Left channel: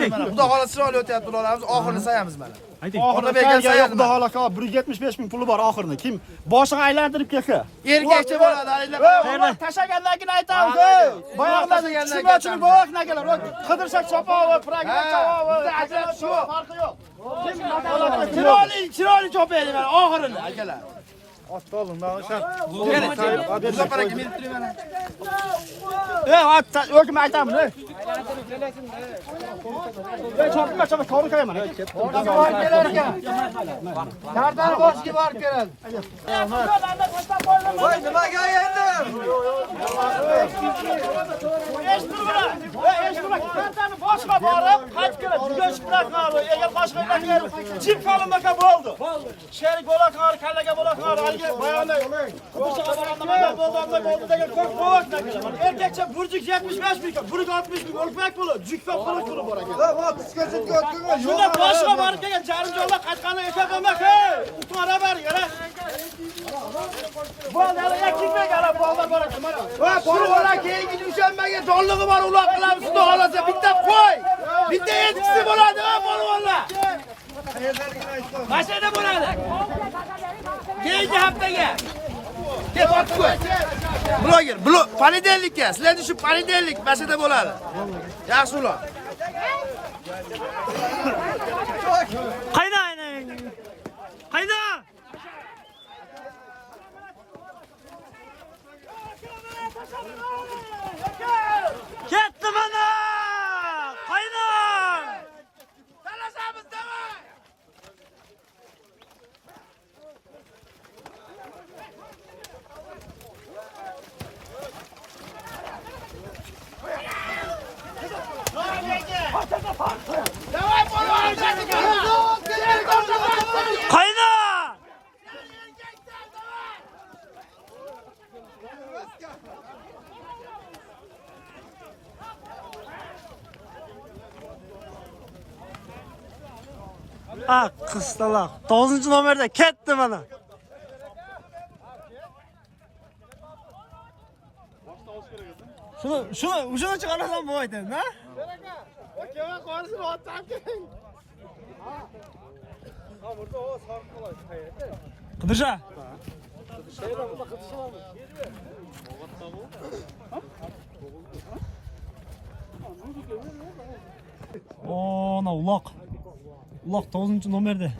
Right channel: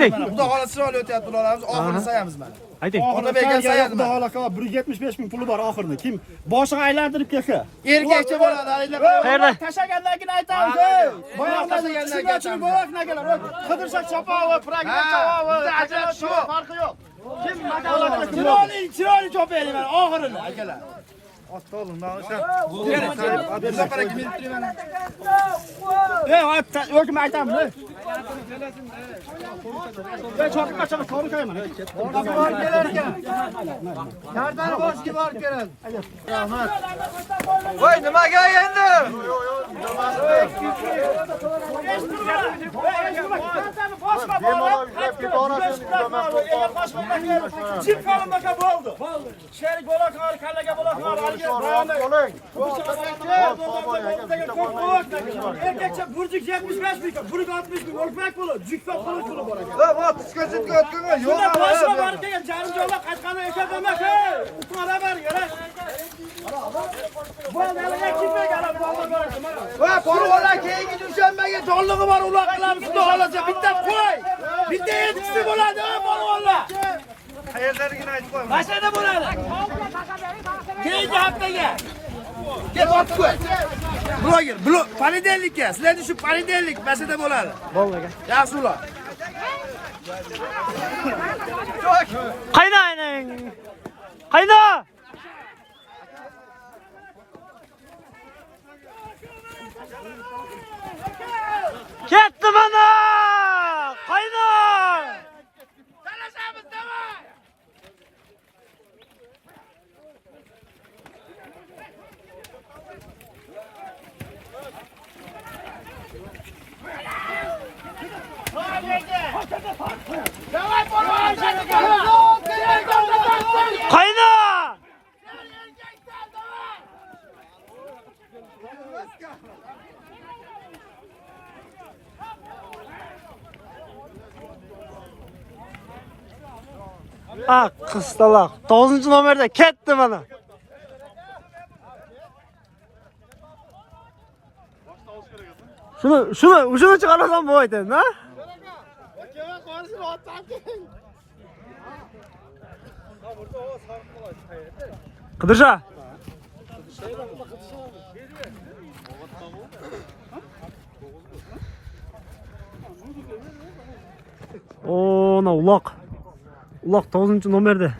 Xudo xohlasa chiroyli o'tyapti ularimiz, oxirini sayamiz mana. Ayting. Ota bergan sayadi. Xudo xohlasa 175 ming puli bor oxirini. Kim boshini aylantirib kelsa. Erkakcha bo'ladi, alinglar. Qayerda? Tashaganlarni aytamiz. Boyaqlarni tashagan boyaqnagilar. Qidirsak chapava, pragma chapava, ajab shu farqi yo'q. Kim Chiroyli chopaylik mana oxirini akalar. Muzafar aka men turing mana. O'kim aytamiz. Chopib to'g'ri mana. Dardan boshga borib keladi. Voy, nimaga endi? Kantani boshqa borib, qaytib keladi. Bugun chiqmaqmadi. Egar boshqa bo'lmasa, chip qolinmasa bo'ldi. Sherik bo'laqar, kallaga bo'laqar, alga bayonda. Qidirchaga bo'ldi degan ko'p qo'yib. Erkakcha burjik 75 ming, burjik 60 ming, o'lpak puli, jikfa puli bor ekan. Shunda boshqa borib kelgan jarimjonlar qachqani emas, uqara ber, yana. Bolalar kimga qarab bolalar bor ekan mana. Va bolalar keyingi dushanbaga jonlig'i bor, uloq qilamiz xudo xolasa. Bitta qo'y. Bitta etkisi bo'ladi, bolalar. Mashina bo'ladi. Keyingi haftaga. Ket ot qo'y. Bloger, ponedelikka, sizlarning shu ponedelik mashina bo'ladi. Bo'lmagan. Yaxshi uloq. Qayda ayning? Qayda? Ketdi mana! Qayda? Talashamiz, davay! Davay, polvon! Qayda? Qistaloq 9-nomerda ketdi mana. Shuni chiqarasam bo'lmaydi, na? Aka, qo'rishni otib. Qidirsha. Na uloq. Uloq 9-nomerda.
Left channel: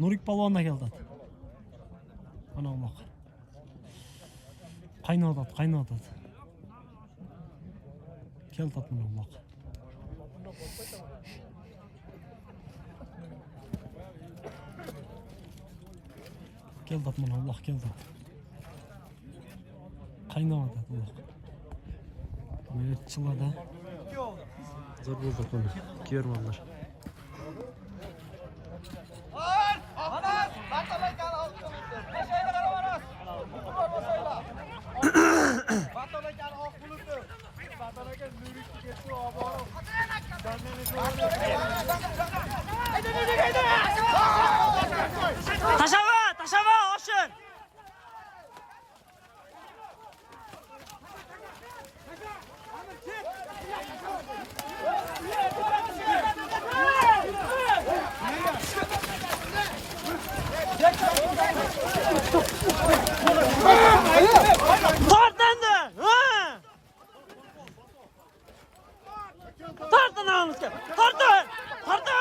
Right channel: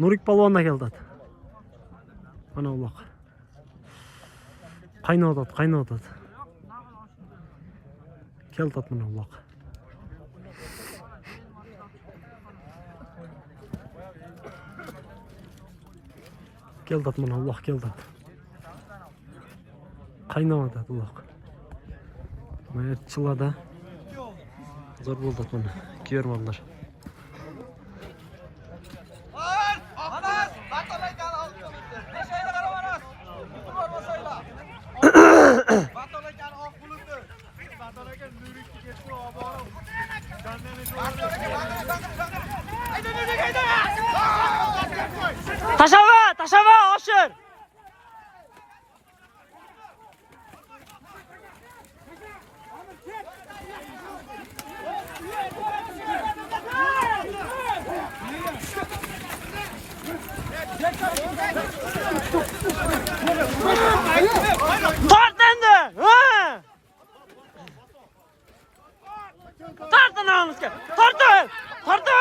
Nurik polvondan keldi. Mana uloq. Qaynotadi. Keldi mana uloq. Keldi mana uloq keldi. Qaynotadi uloq. Mana chilada. Zo'r bo'ldi mana. Ko'rmanlar. Tashava, oshir. Tart endi. Tart anamizga. Tart. Tart.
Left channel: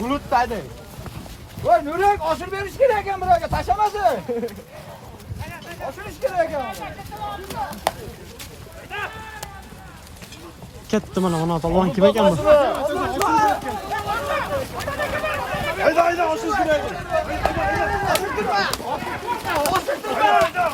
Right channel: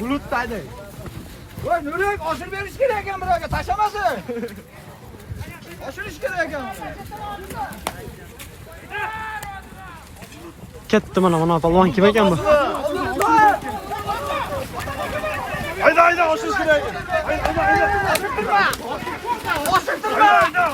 Bulutdaydi. Voy, Nurik, oshirib berish kerak ekan birovga, tashlamasin. Oshirish kerak ekan. Ketdi mana polvon kim ekan bu? Hayda, oshirish kerak. Hayda,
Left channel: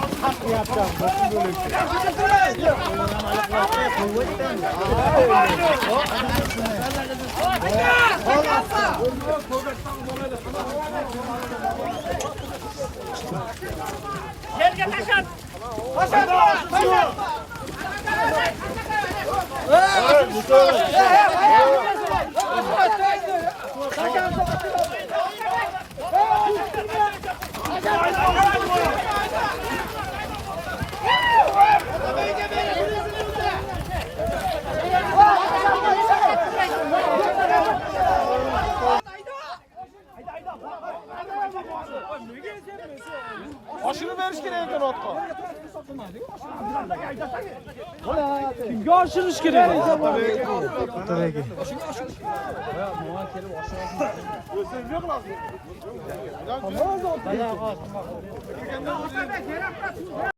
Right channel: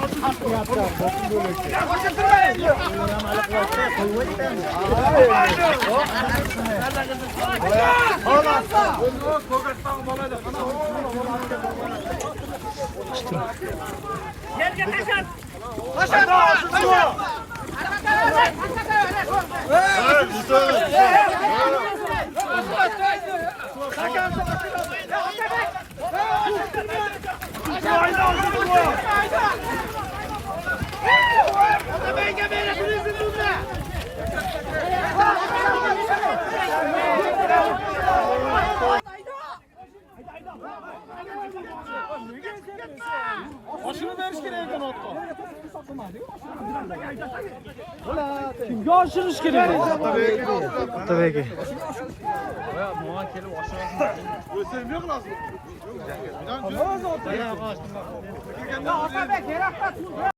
Kimga oshirish kerak? Tabii ki. Ya Atabek, yarakta